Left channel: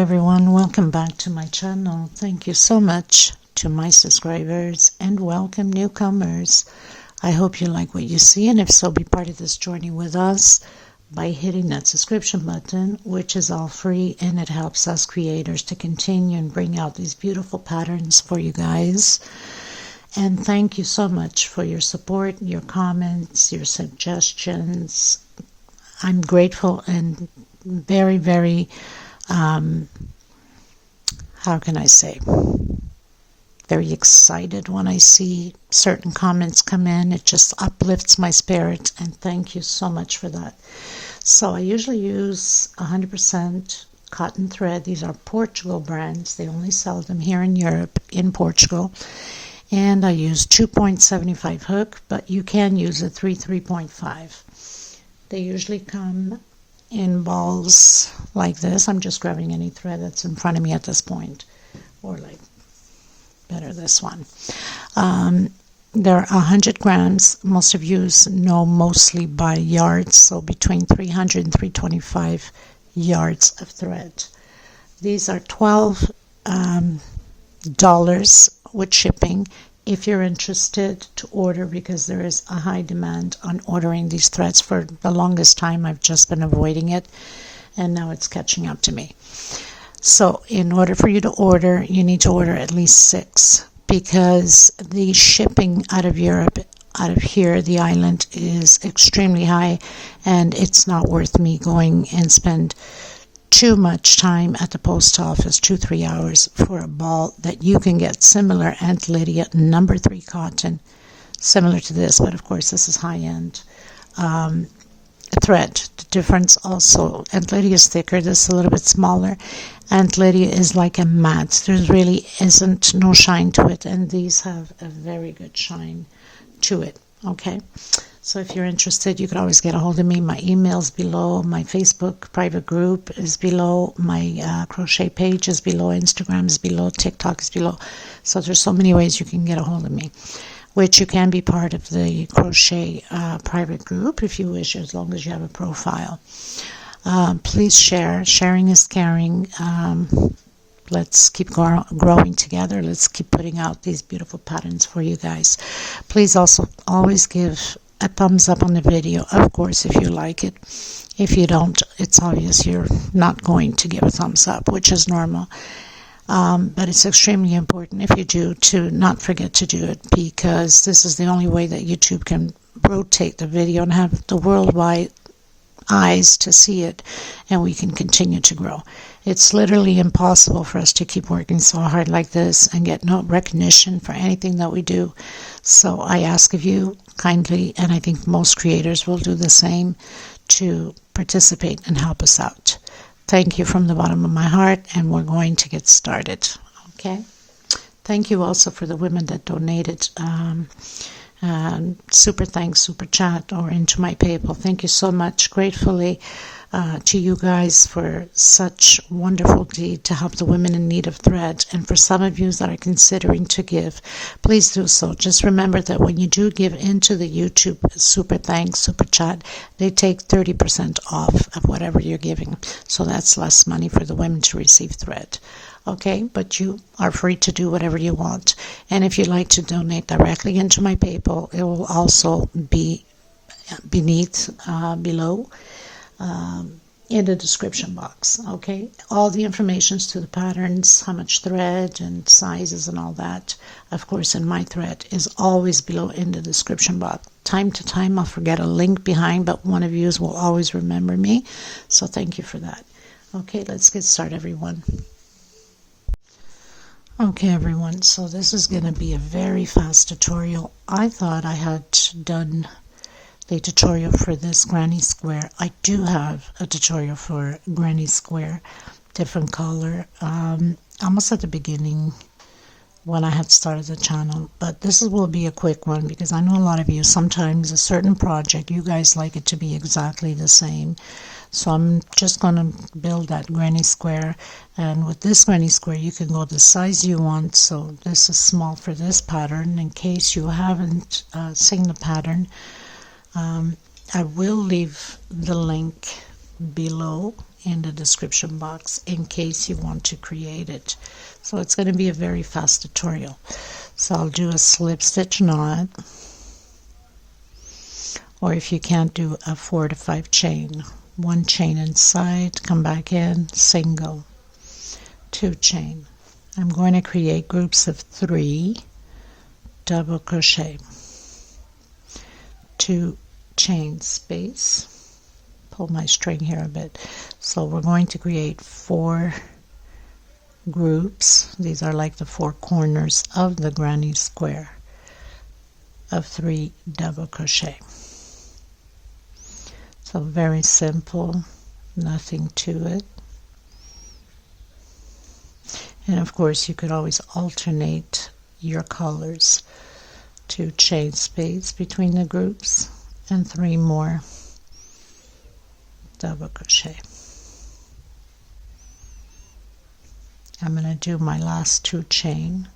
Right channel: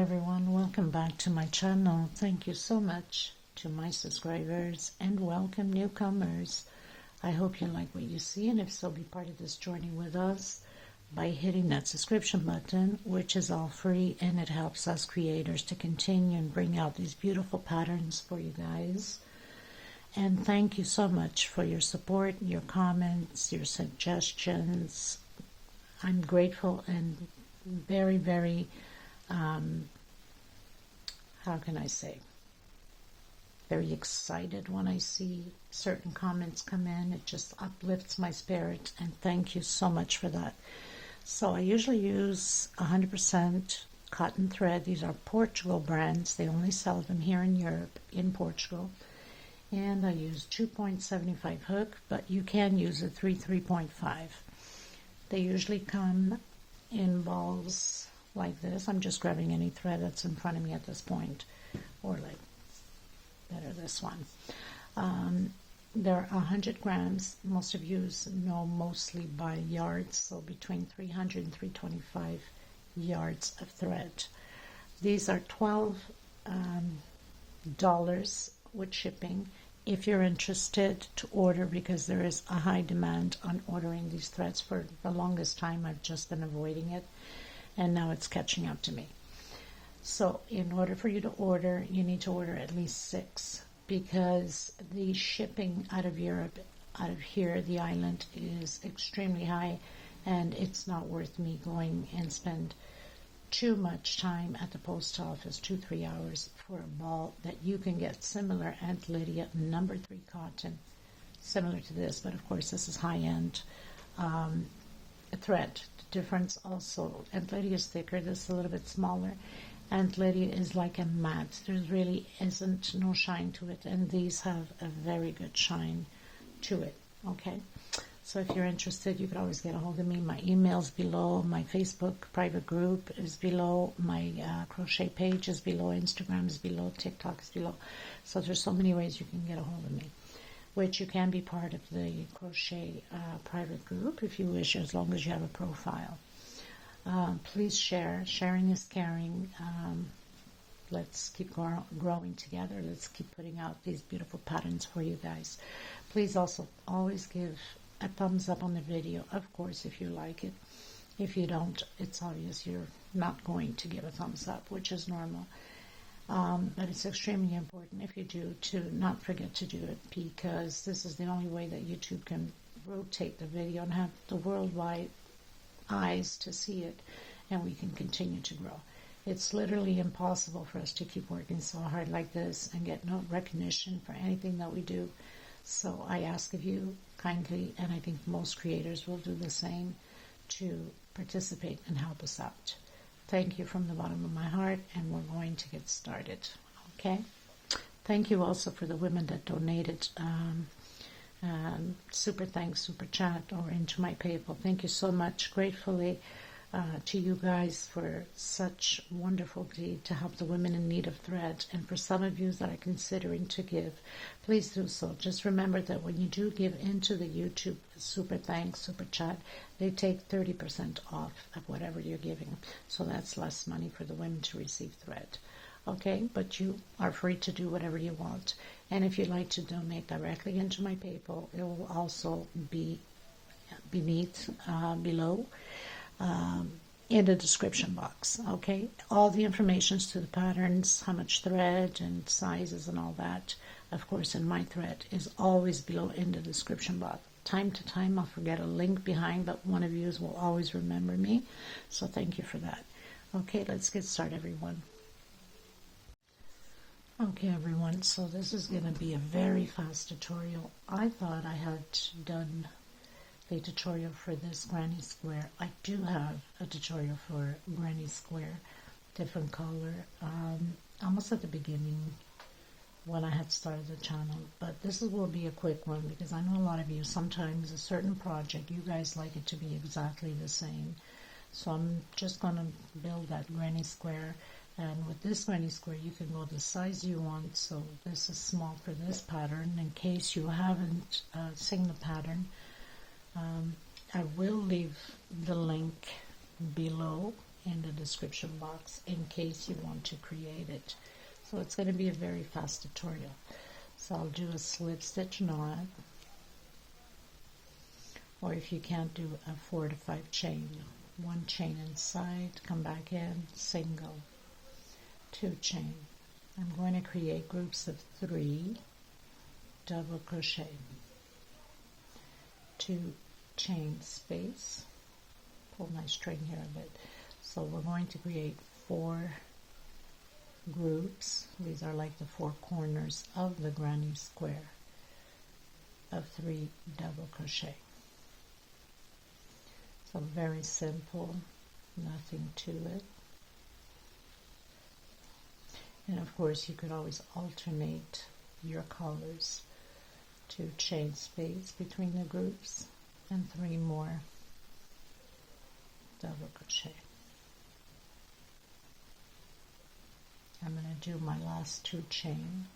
everyone, welcome back to my channel. Thank you so much to my subscribers and welcome newcomers. I hope you like what you see, and if so, be part of this journey with us by hitting that subscription button, which is all free, and it helps us creators to continue and bring out these beautiful patterns for you guys. And thank you so much for your support, your comments, your suggestions. I'm grateful and very, very how can I say, very excited when I see certain comments come in. It just uplifts my spirit, and thank you so much for that. So I usually use 100% cotton thread. These are Portugal brands. They only sell them here in Europe, in Portugal. And I use 2.75 hook, but you can use a 3.5. They usually come in balls like this. I'm just grabbing any thread that's in front of me at this point, or like better this one. They're 100 grams. Most of you know mostly by yards, so between 300 and 325 yards of thread. These are $12 with shipping. If you're interested to order, because there is a high demand on ordering these threads. For the longest time I've just been avoiding it, and now it's catching up to me. So in order for you to order, you need to order at least 6, because the shipping out of Europe, out of here, the island, is extremely high, and it's not worth me going and spend too much time at the post office, 2-3 hours, for a ball that you can get similar Aunt Lydia number 3 cotton, similar to this, but of course this is high-end thread. The difference also, Aunt Lydia is thicker, this is a little bit smaller. Aunt Lydia is like a matte. There really isn't no shine to it, and these have a very good shine to it. Okay, so if you're interested, you can always get a hold of me. My email's below, my Facebook private group is below, my crochet page is below, Instagram is below, TikTok is below. So there's so many ways you can get a hold of me, which you can be part of the crochet private group if you wish, as long as you have a profile. Please share. Sharing is caring. Let's keep growing together. Let's keep putting out these beautiful patterns for you guys. Please also always give a thumbs up on the video, of course, if you like it. If you don't, it's obvious you're not going to give a thumbs up, which is normal. But it's extremely important, if you do, to not forget to do it, because this is the only way that YouTube can rotate the video and have the worldwide eyes to see it, and we can continue to grow. It's literally impossible for us to keep working so hard like this and get no recognition for anything that we do. So I ask of you kindly, and I think most creators will do the same, to participate and help us out. Thank you from the bottom of my heart, and we're going to get started. Okay? Thank you also for the women that donated super thanks, super chat, or into my PayPal. Thank you so much, gratefully, to you guys for such wonderful deed to help the women in need of thread. And for some of you that are considering to give, please do so. Just remember that when you do give into the YouTube super thanks, super chat, they take 30% off of whatever you're giving. So that's less money for the women to receive thread. Okay, but you are free to do whatever you want. And if you'd like to donate directly into my PayPal, it will also be below in the description box. Okay, all the informations to the patterns, how much thread and sizes and all that, of course, in my thread, is always below in the description box. Time to time I'll forget a link behind, but one of you will always remember me, so thank you for that. Okay, let's get started, everyone. Okay, everyone, so this is going to be a very fast tutorial. I thought I had done the tutorial for this granny square. I do have a tutorial for granny square, different color, almost at the beginning when I had started the channel. But this will be a quick one, because I know a lot of you, sometimes a certain project, you guys like it to be exactly the same. So I'm just going to build that granny square, and with this granny square you can go the size you want. So this is small for this pattern. In case you haven't seen the pattern, I will leave the link below in the description box in case you want to create it. So it's going to be a very fast tutorial. So I'll do a slip stitch knot, or if you can't, do a 4 to 5 chain. 1 chain inside, come back in, single, 2 chain. I'm going to create groups of 3 double crochet, 2 chain space, pull my string here a bit. So we're going to create 4 groups. These are like the 4 corners of the granny square of 3 double crochet. So very simple, nothing to it. And of course you could always alternate your colors. 2 chain space between the groups and 3 more double crochet. I'm going to do my last 2 chain.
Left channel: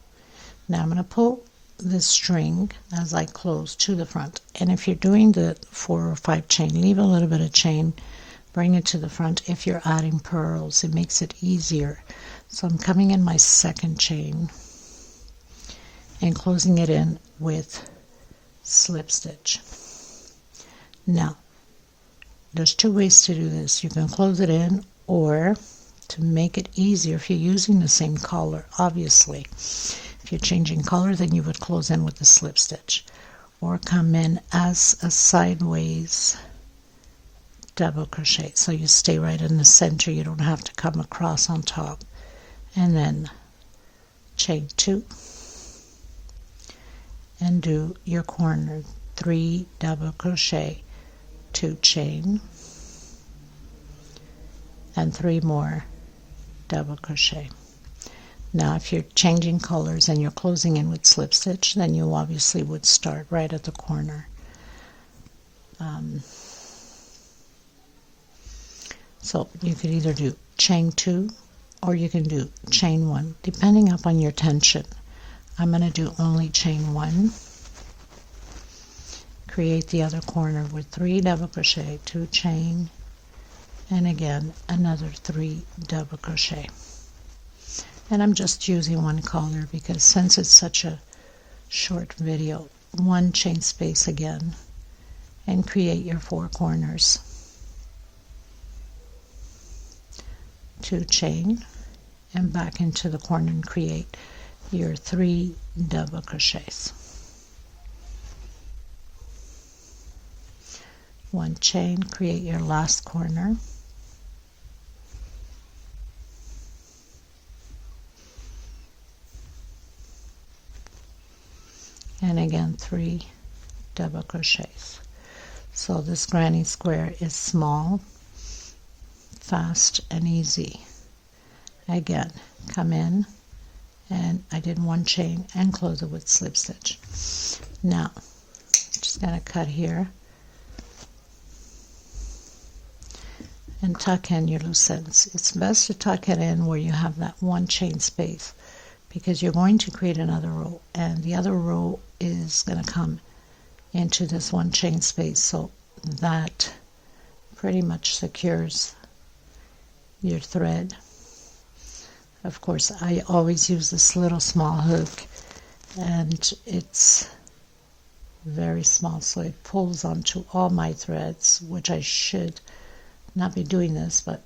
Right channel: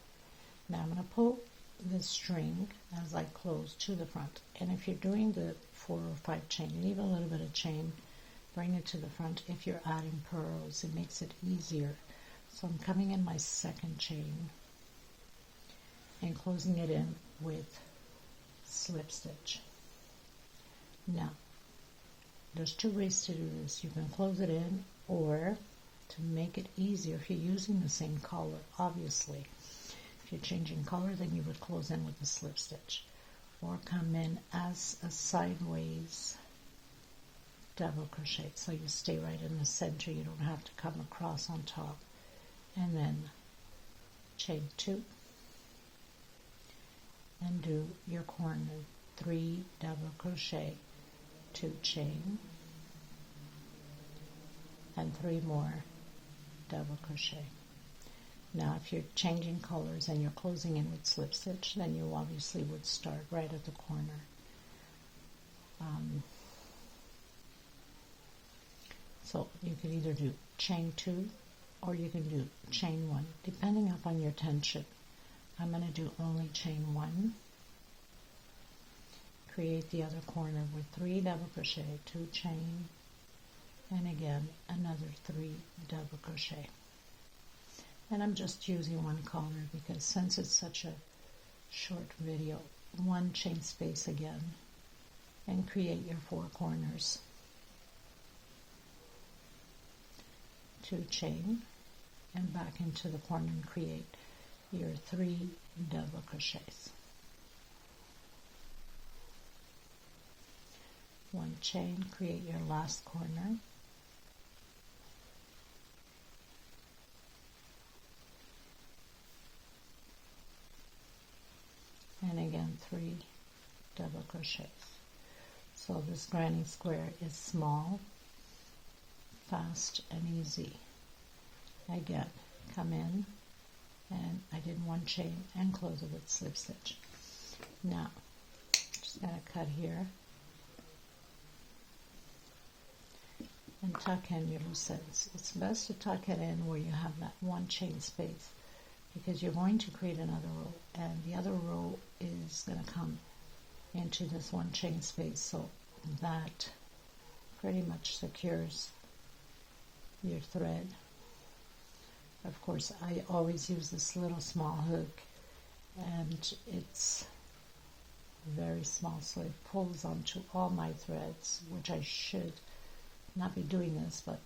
Now I'm going to pull this string as I close to the front, and if you're doing the 4 or 5 chain, leave a little bit of chain, bring it to the front. If you're adding pearls, it makes it easier. So I'm coming in my 2nd chain and closing it in with slip stitch. Now there's 2 ways to do this. You can close it in, or to make it easier, if you're using the same color, obviously if you're changing color, then you would close in with the slip stitch, or come in as a sideways double crochet. So you stay right in the center, you don't have to come across on top. And then chain 2 and do your corner, 3 double crochet, 2 chain, and 3 more double crochet. Now if you're changing colors and you're closing in with slip stitch, then you obviously would start right at the corner. So you could either do chain 2 or you can do chain 1, depending upon your tension. I'm going to do only chain 1. Create the other corner with 3 double crochet, 2 chain, and again another 3 double crochet. And I'm just using 1 color because since it's such a short video, 1 chain space again and create your 4 corners, 2 chain, and back into the corner and create your 3 double crochets. 1 chain, create your last corner, and again 3 double crochets. So this granny square is small, fast and easy. Again, come in, and I did 1 chain and close it with slip stitch. Now just gonna cut here and tuck in your loose ends. It's best to tuck it in where you have that 1 chain space, because you're going to create another row, and the other row is going to come into this 1 chain space, so that pretty much secures your thread. Of course, I always use this little small hook, and it's very small, so it pulls onto all my threads, which I should not be doing this, but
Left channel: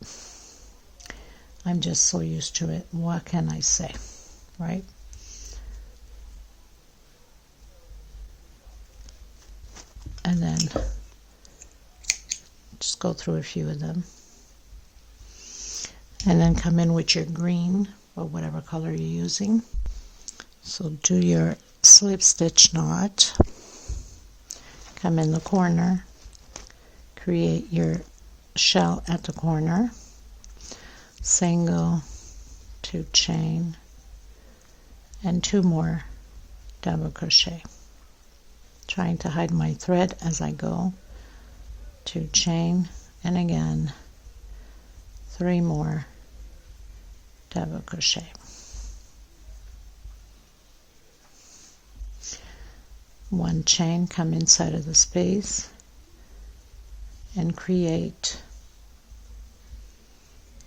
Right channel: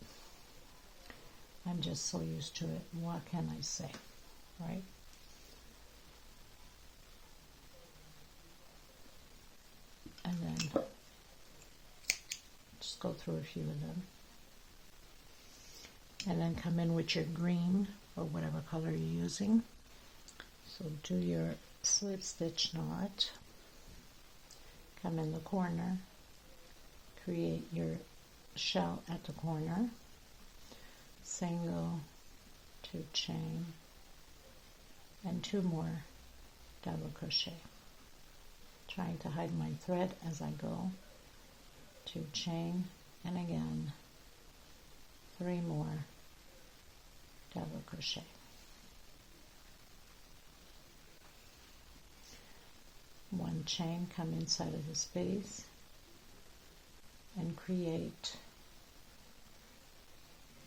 I'm just so used to it. What can I say? Right? And then just go through a few of them, and then come in with your green or whatever color you're using. So do your slip stitch knot, come in the corner, create your shell at the corner, single, 2 chain, and 2 more double crochet. Trying to hide my thread as I go. 2 chain, and again 3 more double crochet. One chain, come inside of the space and create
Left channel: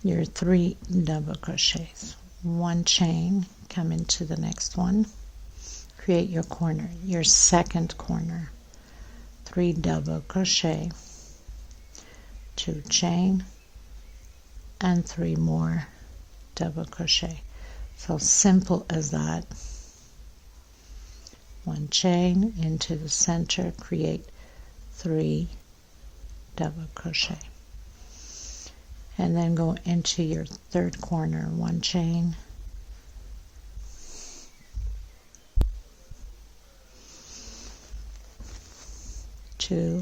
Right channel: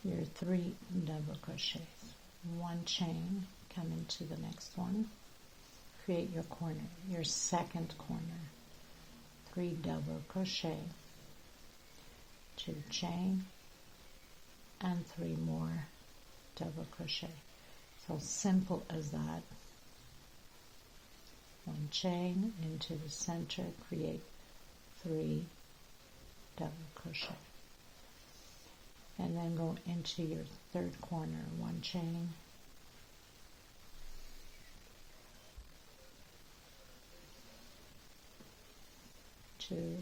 your 3 double crochets, 1 chain, come into the next one, create your corner, your second corner, 3 double crochet, 2 chain, and 3 more double crochet. So simple as that. 1 chain into the center, create 3 double crochet, and then go into your third corner, 1 chain, 2,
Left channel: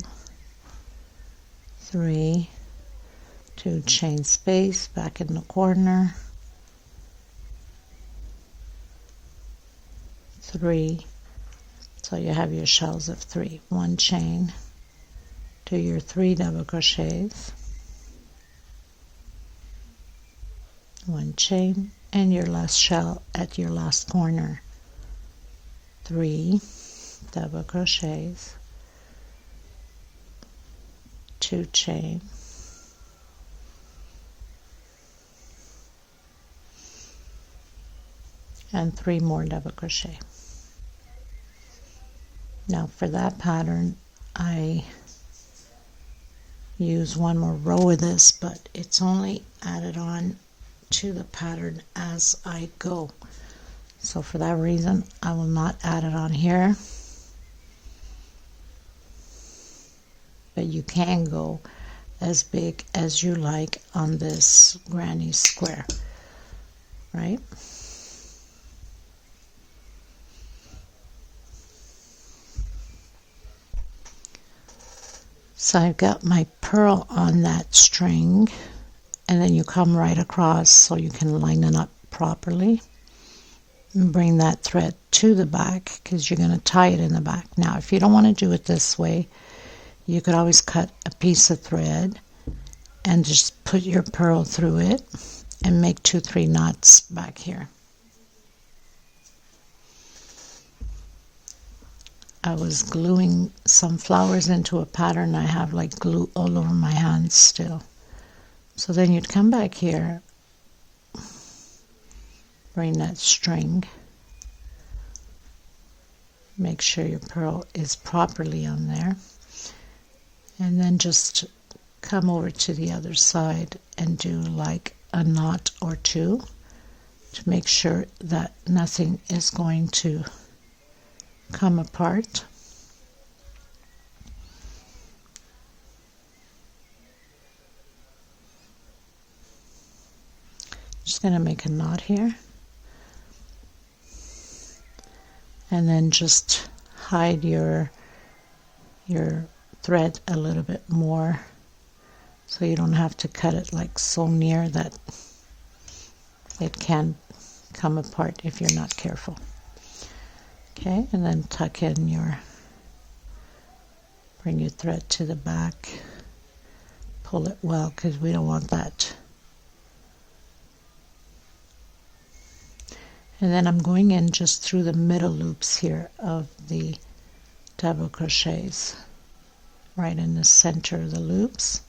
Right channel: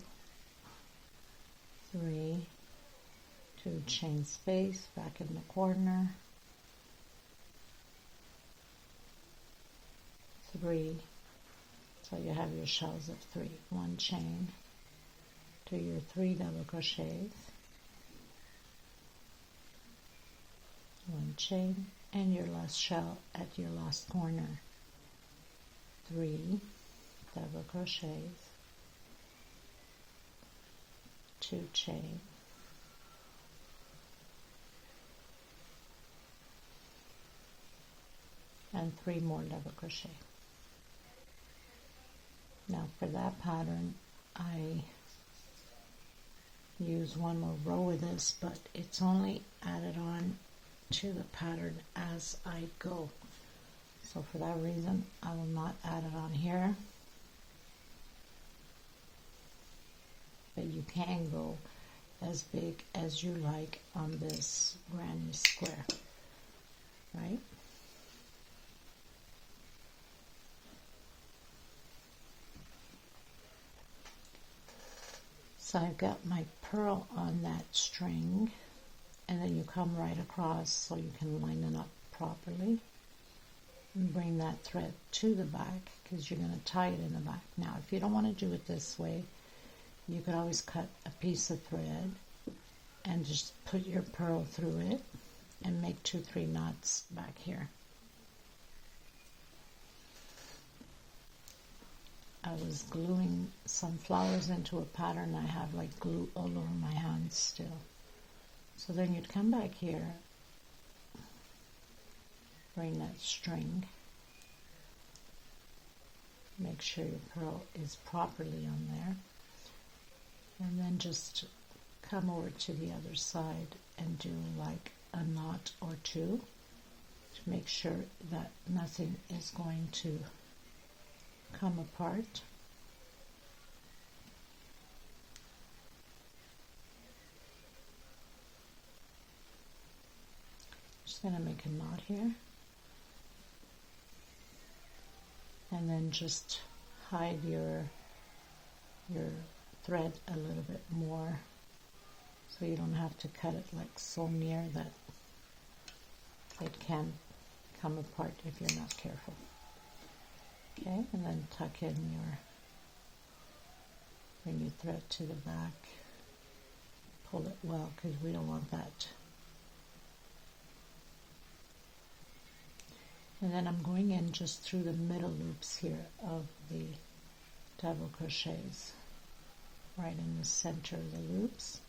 3, 2 chain space back in the corner, 3, so you have your shells of 3, 1 chain, do your 3 double crochets, 1 chain, and your last shell at your last corner, 3 double crochets, 2 chain, and 3 more double crochet. Now for that pattern I use 1 more row of this, but it's only added on to the pattern as I go. So for that reason I will not add it on here, but you can go as big as you like on this granny square, right? So I've got my purl on that string, and then you come right across so you can line it up properly and bring that thread to the back because you're going to tie it in the back. Now if you don't want to do it this way, you could always cut a piece of thread and just put your purl through it and make 2-3 knots back here. I was gluing some flowers into a pattern. I have like glue all over my hands still. So then you'd come back here, bring that string, make sure your purl is properly on there, and then just come over to the other side and do like a knot or 2 to make sure that nothing is going to come apart. Just going to make a knot here and then just hide your thread a little bit more so you don't have to cut it like so near that it can come apart if you're not careful. Okay, and then tuck in bring your thread to the back, pull it well because we don't want that. And then I'm going in just through the middle loops here of the double crochets, right in the center of the loops.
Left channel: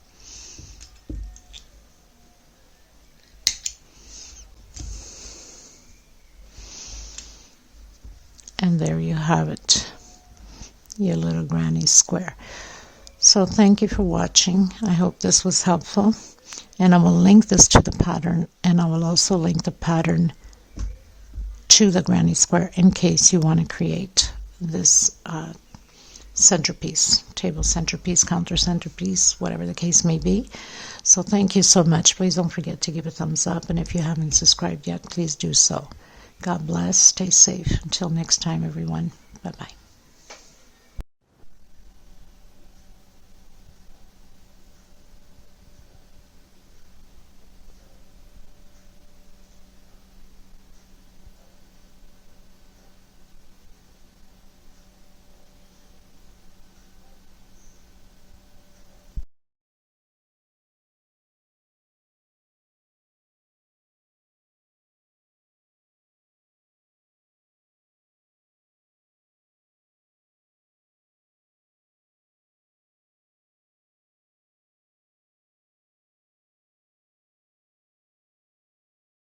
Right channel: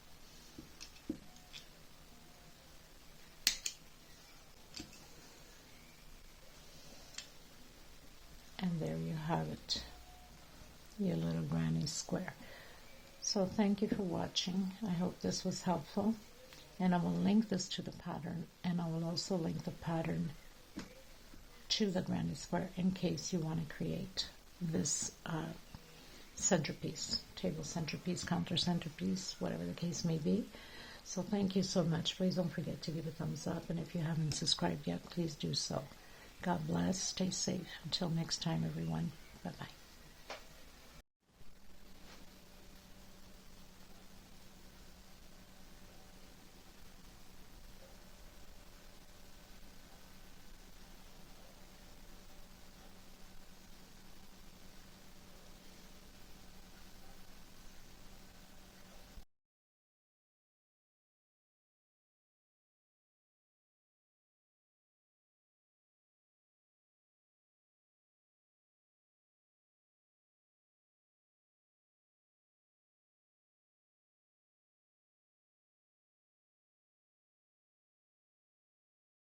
And there you have it, your little granny square. So thank you for watching. I hope this was helpful. And I will link this to the pattern, and I will also link the pattern to the granny square in case you want to create this centerpiece, table centerpiece, counter centerpiece, whatever the case may be. So thank you so much. Please don't forget to give a thumbs up, and if you haven't subscribed yet, please do so. God bless. Stay safe. Until next time, everyone. Bye-bye.